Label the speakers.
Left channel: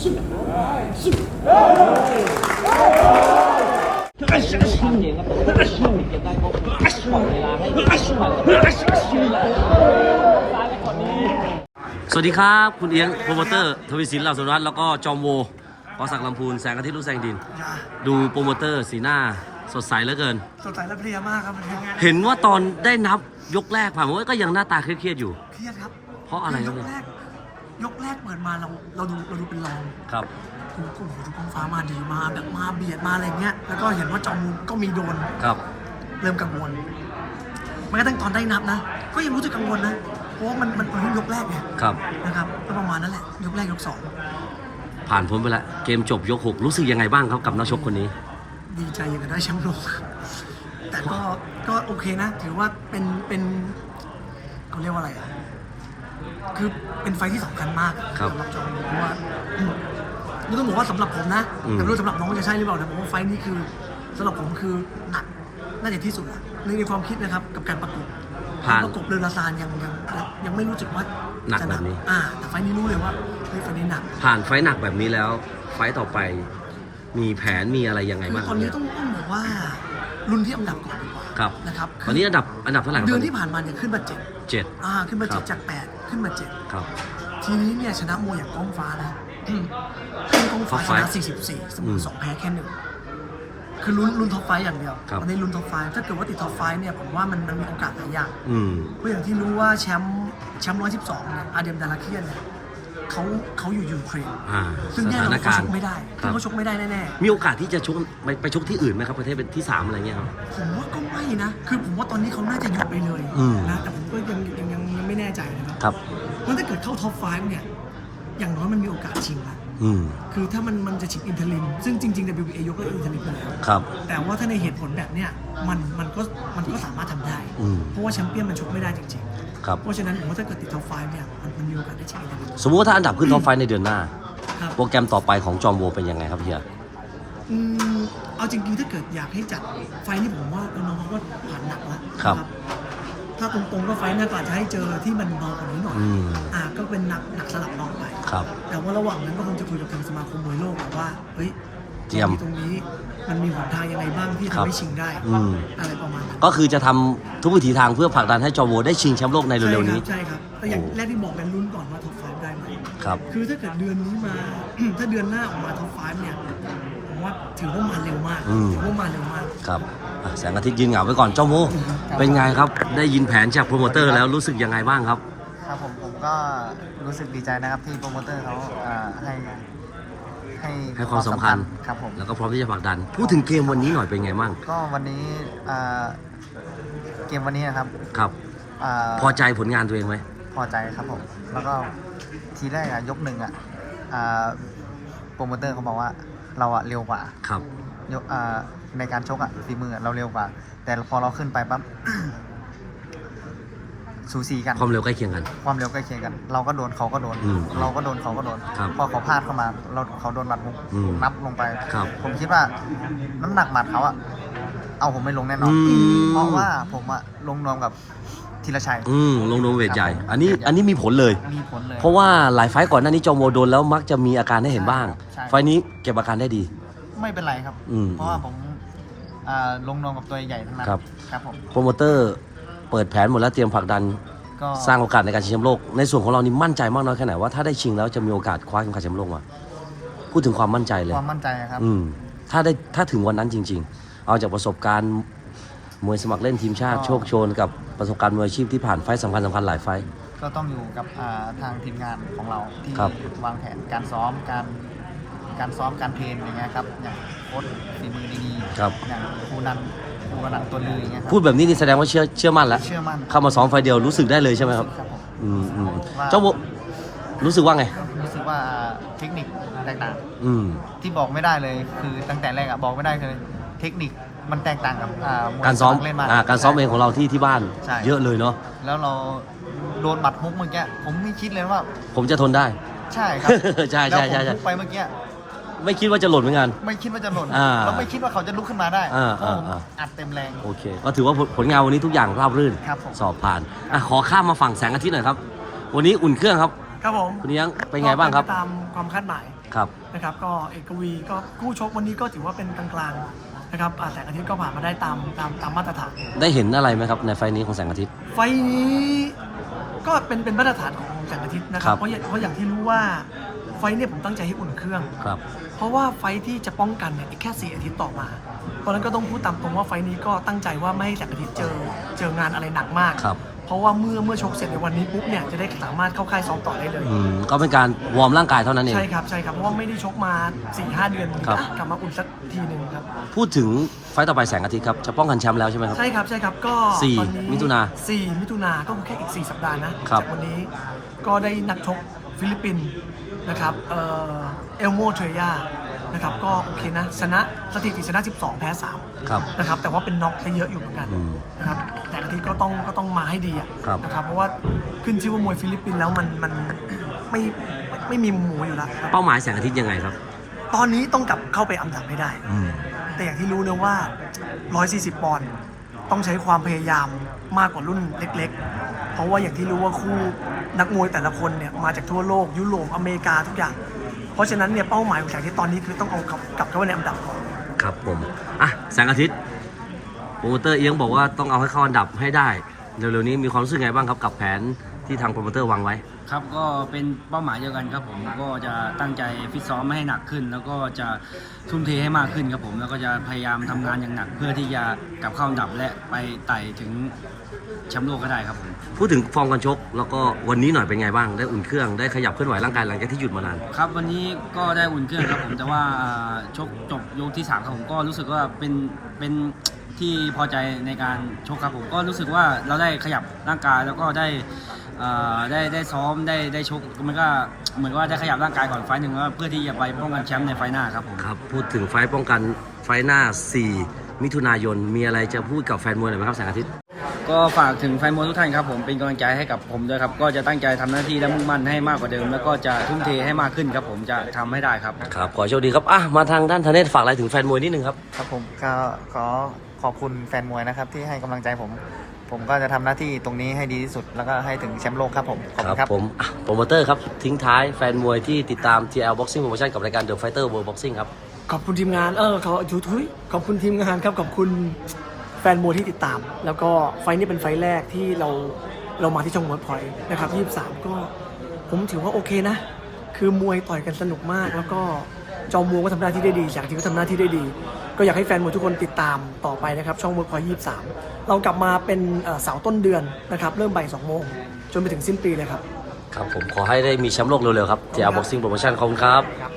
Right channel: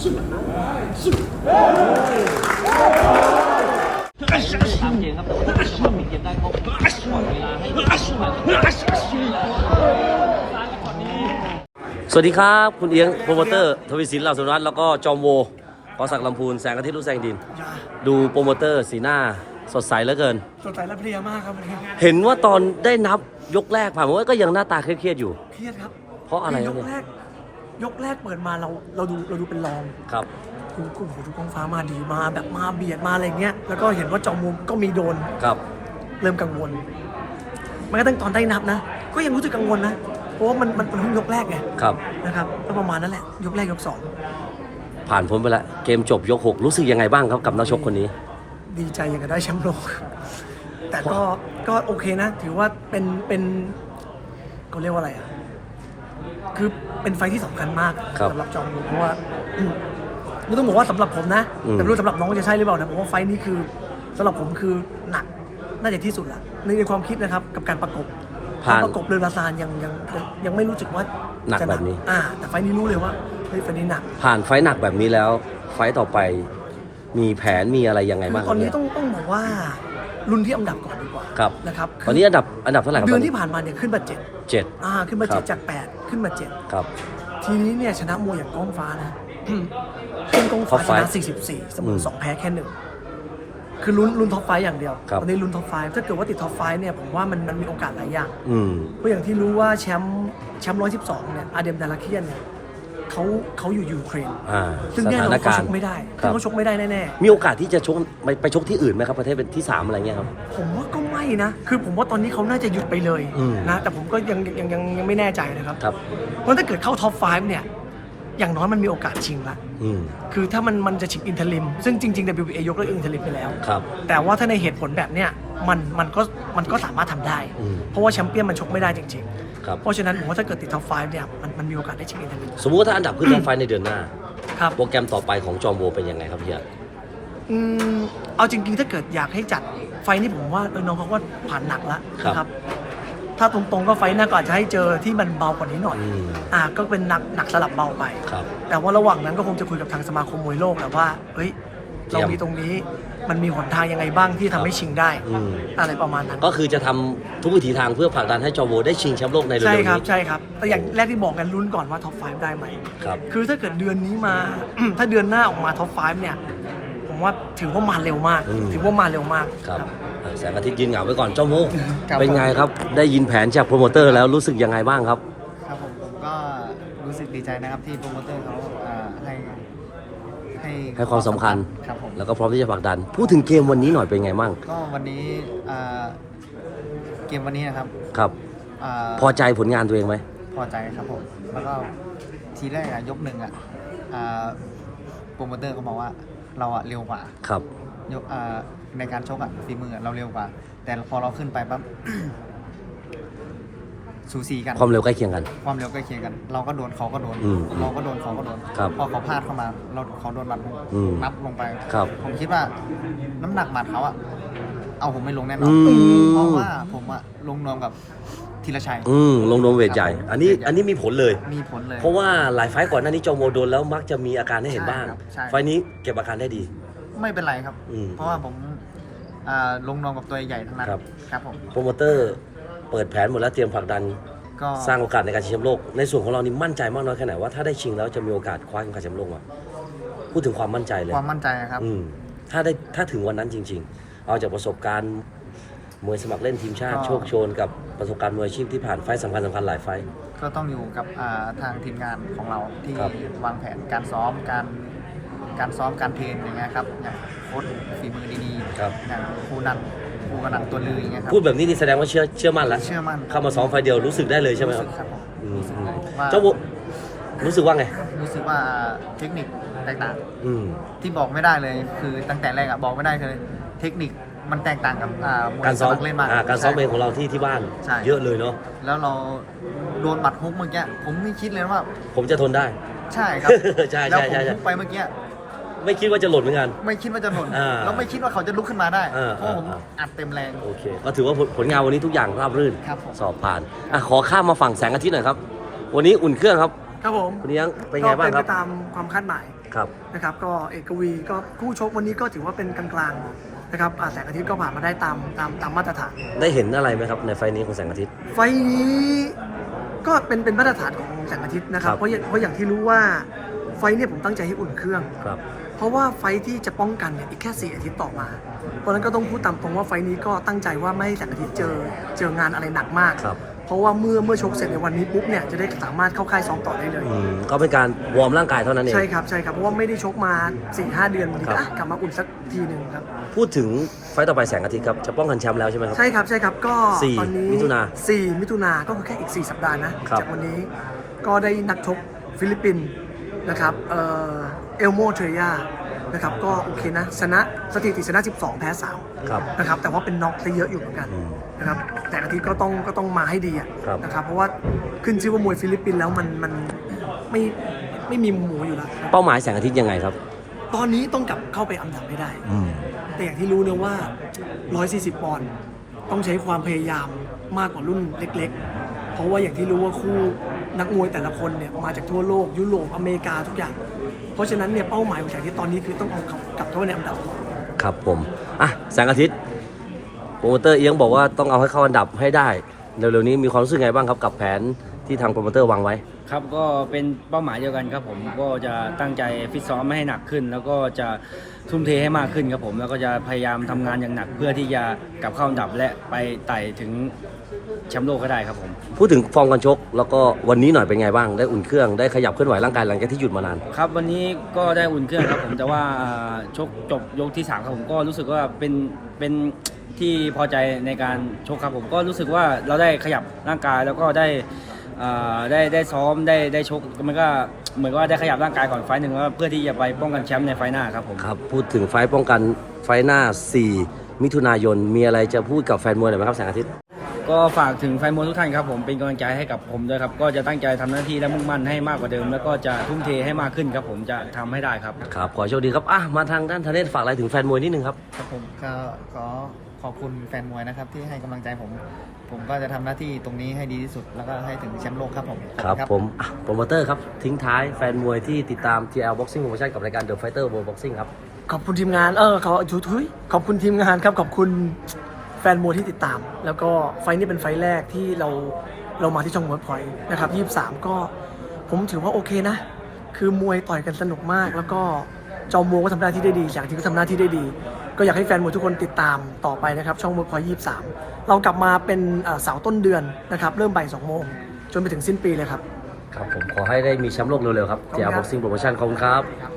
Speaker 1: 年ครับแต่ว่าช่วงนี้เกมได้เขาปล่อยเวลาให้สวัสดีครับคุณเอียงโปรโมเตอร์ทวีศิลป์เหล่าสุรัตน์แล้วก็จอมโวพอศักดิ์ลำพูนแสงอาทิตย์ลูกแสงดินดูโปรโมเตอร์สีหน้าสดใสเหลือเกิน
Speaker 2: สดใสและเพลียมากครับ
Speaker 1: เห็นว่าตอนได้นับยกแรกผ่านมาว่าก็ยังหน้าตาเครียดๆอยู่
Speaker 2: เครียดครับ
Speaker 1: เพราะอะไรเนี่ย
Speaker 2: ยกแรกเปิดมาเราดูเป็นรอง
Speaker 1: ครับ
Speaker 2: ทุกกองฟ้ามาดีมาแบบมาเบียดมาอะไรเงี้ยแล้วก็เห็นว่าจอมมุมก็มีโดน
Speaker 1: ครับ
Speaker 2: เริ่มกังวลแม้กระทั่งตอนได้นับนะก็ยังรู้สึกกังวลนะเพราะว่ามันเพิ่งยกแรกไง
Speaker 1: ครับ
Speaker 2: นะครับก็ประมาณนั้นแหละยกแรกยกสอง
Speaker 1: ผ่านพ้นไปแล้วเกมจบยก6รู้สึกยังไงบ้างครับกับนักชกคนนี้
Speaker 2: ดีใจอย่างกับได้แชมป์โลกแต่ก็โอเคนะถือว่าเป็นเขาเรียกว่าอะไรอ่ะคือเป็นไฟที่สำคัญมากสำหรับจอมเพราะว่าไม่ต้องบอกว่าสำหรับผมนะแต่ไม่รู้สำหรับน้องจะใช่หรือเปล่านะผมว่าไฟนี้คือสำหรับผมคือหนักน่าจะที่สุดแหละในความคิดนะครับกับการประกบเรือลาซานยังไม่รู้สึกว่า
Speaker 1: หนักแบบนี้
Speaker 2: แต่ไฟนี้รู้เลยว่าไฟนี้หนัก
Speaker 1: ผ่านไฟหนักแบบนี้แล้วไฟต่อไปมีแผนมีอะไรยังไงบ้าง
Speaker 2: ตอนนี้ต้องบอกว่ารุ่นที่อันดับก่อนดีกว่านะครับ
Speaker 1: ตอนนี้อันดับเท่าไหร่ครับ
Speaker 2: เดือนที่ผ่านมาเนี่ยขึ้นมา7ขึ้นมา7จาก8ขึ้นมา7
Speaker 1: ครับ
Speaker 2: ทีนี้เนี่ยชนะมวยอย่างก้องฟ้านะเป็นก้องฟ้าชนะ44เสมอ2แพ้แค่1คือลุ้นท็อปไฟอย่างเดียวตอนนี้ลุ้นท็อปไฟถ้าเกิดว่าติดท็อปไฟเนี่ยผมว่ามันมีโอกาสหลายอย่างเพราะอย่างที่รู้ว่าแชมป์112เนี่ยอาเดมดาราเคียนเนี่ยเขาอยู่ยูเครนซึ่งแน่นอนเขาชกไม่ได้เขาชกไม่ได้แน่
Speaker 1: ๆมีโอกาสที่จะชกไปชกที่อื่นไหมครับประเทศเป็นที่3อะไรเงี้ยครับ
Speaker 2: ผมว่าก็ไม่นะคือผมว่าตอนนี้เขาน่าจะหยุดไปเลยนะแต่ผมก็ยังไม่แน่ใจนะครับเพราะถ้าเกิดเข้าท็อป5เนี่ยอย่างน้อยมันมีโอกาสชิงละคือถ้ามันจะชิงอินเทอร์ลิมซึ่งจริงๆ WBA ยกเลิกอินเทอร์ลิมไปแล้วแต่ว่าถ้าในเหตุผลแบบเนี้ยมันก็สามารถทำได้เพราะว่าแชมเปี้ยนมันชกไม่ได้จริงๆเพราะฉะนั้นผมว่าถ้าเกิดติดท็อป5เนี่ยมันมีโอกาสได้ชิงอินเทอร์ลิม
Speaker 1: สมมติว่าถ้าอันดับขึ้นท็อป5ในเดือนหน้าโปรแกรมต่อไปของจอมโวเป็นยังไงครับพี่
Speaker 2: เอาจริงๆถ้าเกิดอยากให้จัดไฟนี่ผมว่าน้องเขาก็ผ่านหนักแล้วนะครับถ้าตรงๆก็ไฟหน้าก็อาจจะให้เจอที่มันเบากว่านี้หน่อยก็เป็นหนักสลับเบาไปแต่ว่าระหว่างนั้นก็คงจะคุยกับทางสมาคมมวยโลกแหละว่าเฮ้ยเรามีตรงนี้มันมีหนทางยังไงบ้างที่ทำให้ชิงได้อะไรประมาณนั้น
Speaker 1: ก็คือจะทำทุกวิถีทางเพื่อผลักดันให้จอมโวได้ชิงแชมป์โลกในเร็วๆนี้
Speaker 2: ใช่ครับแต่อย่างแรกที่บอกกันลุ้นก่อนว่าท็อป5ได้ไหมคือถ้าเกิดเดือนนี้มา ถ้าเดือนหน้าออกมาท็อป5เนี่ยผมว่าถือว่ามาเร็วมาก
Speaker 1: ครับแสงอาทิตย์ยืนเหงาไว้ก่อนจอมโวเป็นไงครับได้ยินแผนจากโปรโมเตอร์แล้วรู้สึกยังไงบ้างครับ
Speaker 3: ครับผมก็รู้สึกดีใจนะครับที่โปรโมเตอร์เขาให้
Speaker 1: ความสำคัญ
Speaker 3: ครับผม
Speaker 1: แล้วก็พร้อมที่จะผลักดันพูดถึงเกมวันนี้หน่อยเป็นไงบ้าง
Speaker 3: ก็วันนี้เกมวันนี้นะครับ
Speaker 1: พอใจผลงานตัวเองไหม
Speaker 3: พอใจครับผมแล้วก็ทีแรกยกหนึ่งโปรโมเตอร์เขาบอกว่าเราเร็วกว่า
Speaker 1: ครับ
Speaker 3: ยกในการชกฝีมือเราเร็วกว่าแต่พอเราขึ้นไปปั๊บสูสีกัน
Speaker 1: ความเร็วใกล้เคียงกัน
Speaker 3: เราก็โดนเขาก็โดนเราก็โดนเขาก็โดนพอเขาพลาดเข้ามาเขาโดนหมัดนับลงไปผมคิดว่าน้ำหนักหมัดเขาเอาผมไม่ลงแน่นอนเพราะว่าผมลงนวมกับธีรชัย
Speaker 1: ลงนวมเวทใหญ่อันนี้มีผลเลยเพราะว่าหลายไฟต์ก่อนหน้านี้จอมโวโดนแล้วมักจะมีอาการให้เห็นบ้างไฟต์นี้เก็บอาการได้ดี
Speaker 3: ไม่เป็นไรครับเพราะว่าผมลงนวมกับตัวใหญ่ทั้งนั้นครับผม
Speaker 1: โปรโมเตอร์เปิดแผนหมดแล้วเตรียมผลักดันสร้างโอกาสในการชิงแชมป์โลกในส่วนของเรานี่มั่นใจมากน้อยแค่ไหนว่าถ้าได้ชิงแล้วจะมีโอกาสคว้าเข็มขัดแชมป์โลกมาพูดถึงความมั่นใจเลย
Speaker 3: ความมั่นใจครับ
Speaker 1: ถ้าถึงวันนั้นจริงๆเอาจากประสบการณ์มวยสมัครเล่นทีมชาติโชคโชนกับประสบการณ์มวยอาชีพที่ผ่านไฟต์สำคัญหลายไฟต์
Speaker 3: ก็ต้องอยู่กับทางทีมงานของเราที่วางแผนการซ้อมการเพลงอย่างเงี้ยครับอย่างโค้ชฝีมือดีๆอย่างครูนันตัวลืออย่างเงี้ยครับ
Speaker 1: พูดแบบนี้นี่แสดงว่าเชื่อมั่นแล้วเข้ามาซ้อมไฟเดียวรู้สึกได้เลยใช่ไหมครับเจ้าโวรู้สึกว่าไง
Speaker 3: รู้สึกว่าเทคนิคแตกต่างที่บอกไม่ได้เลยคือตั้งแต่แรกบอกไม่ได้คือเทคนิคมันแตกต่างกับ
Speaker 1: การซ้อมการซ้อมเองของเราที่บ้านเยอะเลยเนาะ
Speaker 3: แล้วเราโดนหมัดฮุกเมื่อกี้ผมไม่คิดเลยว่า
Speaker 1: ผมจะทนได้
Speaker 3: ใช่ครับ
Speaker 1: ใช่
Speaker 3: แล้วผมฮุกไปเมื่อกี้
Speaker 1: ไม่คิดว่าจะหล่นเหมือนกัน
Speaker 3: ไม่คิดว่าจะหล่นแล้วไม่คิดว่าเขาจะลุกขึ้นมาได้เพราะผมอัดเต็มแรง
Speaker 1: โอเคก็ถือว่าผลงานวันนี้ทุกอย่างราบรื่นสอบผ่านขอข้ามมาฝั่งแสงอาทิตย์หน่อยครับวันนี้อุ่นเครื่องครับ
Speaker 2: ผม
Speaker 1: คุณยังเป็นไงบ้างครับ
Speaker 2: ตามความคาดหมาย
Speaker 1: ครับ
Speaker 2: นะครับก็เอกวีก็คู่ชกวันนี้ก็ถือว่าเป็นกลางๆนะครับแสงอาทิตย์ก็ผ่านมาได้ตามมาตรฐาน
Speaker 1: ได้เห็นอะไรไหมครับในไฟล์นี้ของแสงอาทิตย์
Speaker 2: ไฟล์นี้ก็เป็นมาตรฐานของแสงอาทิตย์นะค
Speaker 1: ค
Speaker 2: รั
Speaker 1: รั
Speaker 2: บบ เพราะอย่างที่รู้ว่าไฟล์เนี่ยผมตั้งใจให้อุ่นเครื่อง
Speaker 1: ครับ
Speaker 2: เพราะว่าไฟท์ที่จะป้องกันเนี่ยอีกแค่4 อาทิตย์ต่อมาเพราะฉะนั้นก็ต้องพูดตามตรงว่าไฟท์นี้ก็ตั้งใจว่าไม่ให้แสงอาทิตย์เจองานอะไรหนักมาก
Speaker 1: ครับ
Speaker 2: เพราะว่าเมื่อชกเสร็จในวันนี้ปุ๊บเนี่ยจะได้สามารถเข้าค่ายซ้อมต่อได้เลย
Speaker 1: ก็เป็นการวอร์มร่างกายเท่านั้นเอง
Speaker 2: ใช่ครับเพราะว่าไม่ได้ชกมา 4-5 เดือน
Speaker 1: ครับ
Speaker 2: กลับมาอุ่นสักทีหนึ่งครับ
Speaker 1: พูดถึงไฟต์ต่อไปแสงอาทิตย์ครับจะป้องกันแชมป์แล้วใช่ไหมครับ
Speaker 2: ใช่ครับก็
Speaker 1: 4
Speaker 2: ตอนนี้
Speaker 1: มิถุนา
Speaker 2: 4 มิถุนาก็คือแค่อีก 4 สัปดาห์นะครับ จากวันนี้ก็ได้นักชกฟิลิปปินส์นะครับเอลโมเทรยานะครับก็โอเคนะชนะสถิติชนะ 12 แพ้ 3
Speaker 1: ครับ
Speaker 2: นะครับแต่ว่าเป็นน็อกซะเยอะอยู่เหมือนกัน
Speaker 1: อืม
Speaker 2: นะครับแต่อาทิตย์ก็ต้องมาให้ดีอะ
Speaker 1: ครับ
Speaker 2: นะครับเพราะว่าขึ้นชื่อว่ามวยฟิลิปปินส์แล้วมันไม่มีหมูอยู่แล้วครับ
Speaker 1: เป้าหมายแสงอาทิตย์ยังไงครับ
Speaker 2: ตอนนี้ต้องกลับเข้าไปอันดับให้ได้ แต่อย่างที่รู้นะว่า 140 ปอนด์ต้องใช้ความพยายามมากกว่ารุ่นเล็กๆ เพราะว่าอย่างที่รู้ว่าคู่นักมวยแต่ละคนเนี่ยมาจากทั่วโลกยุโรปอเมริกาทุกอย่าง เพราะฉะนั้นเนี่ยเป้าหมายของแสงอาทิตย์ตอนนี้คือต้องเอากลับเข้าไปในอันดับก่อน
Speaker 1: ครับผมแสงอาทิตย์โปรโมเตอร์เอียงบอกว่าต้องเอาให้เข้าอันดับให้ได้เร็วๆนี้มีความรู้สึกไงบ้างครับกับแผนที่ทางโปรโมเตอร์วางไว้
Speaker 4: ครับก็เป็นเป้าหมายเดียวกันครับผมก็จะตั้งใจฟิตซ้อมไม่ให้หนักขึ้น แล้วก็จะทุ่มเทให้มากขึ้นครับผมแล้วก็จะพยายามทำงานอย่างหนักเพื่อที่จะกลับเข้าอันดับและไปไต่ถึงแชมป์โลกก็ได้ครับผม
Speaker 1: พูดถึงฟอร์มการชกแล้วก็วันนี้หน่อยเป็นไงบ้างได้อุ่นเครื่องได้ขยับเคลื่อนไหวร่างกายหลังจากที่หยุดมานาน
Speaker 4: ครับวันนี้ก็ได้อุ่นเครื่องครับผมแต่ว่าชกจบยกที่ 3 ครับผมก็รู้สึกว่าเป็นที่พอใจในการชกครับผมก็รู้สึกว่าเราได้ขยับร่างกายแล้วก็ได้ซ้อมได้ชกมันก็เหมือนว่าได้ขยับร่างกายก่อนไฟล์หนึ่งแล้วเพื่อที่จะไปป้องกันแชมป์ในไฟล์หน้าครับผม
Speaker 1: ครับพูดถึงไฟต์ป้องกันไฟต์หน้า 4 มิถุนายนมีอะไรจะพูดกับแฟนมวยหน่อยไหมครับแสงอาทิตย์
Speaker 4: ก็ฝากถึงแฟนมวยทุกท่านครับผมเป็นกำลังใจให้กับผมด้วยครับก็จะตั้งใจทำหน้าที่และมุ่งมั่นให้มากกว่าเดิม แล้วก็จะทุ่มเทให้มากขึ้นครับผมจะทำให้ได้ครับ
Speaker 1: ครับขอโชคดีครับมาทางด้านธเนศฝากอะไรถึงแฟนมวยนิดนึงครับ
Speaker 3: ครับผมก็ขอบคุณแฟนมวยนะครับที่ให้กำลังใจผมก็จะทำหน้าที่ตรงนี้ให้ดีที่สุดแล้วก็ให้ถึงแชมป์โลกครับผมขอณ
Speaker 1: ผมโปรโมเตอร์ครับทิ้งท้ายแฟนมวยที่ติดตาม TL Boxing Promotion กับรายการ The Fighter World Boxing ครับ
Speaker 2: ขอบคุณทีมงานขอบคุณทีมงานครับขอบคุณแฟนมวยที่ติดตาม แล้วก็ไฟล์นี้เป็นไฟล์แรกที่เรามาที่ช่องมวยพอยต์นะครับ23ก็ผมถือว่าโอเคนะ คือมวยต่อยกันสนุกมาก แล้วก็จอมมวยก็ทำหน้าที่ได้ดีอย่างที่ก็ทำหน้าที่ได้ดี ก็อยากให้แฟนมวยทุกคนติดตามต่อไปนะครับช่องมวยพอยต์23เรากลับมาเป็นเสาร์ต้นเดือนนะครับเริ่มบ่าย 2 โมงจนไปถึงสิ้นปีเลยครับ
Speaker 1: ครับผมขอให้ได้มีแชมป์โลกเร็วๆครับ TL Boxing Promotion ขอบคุณครับ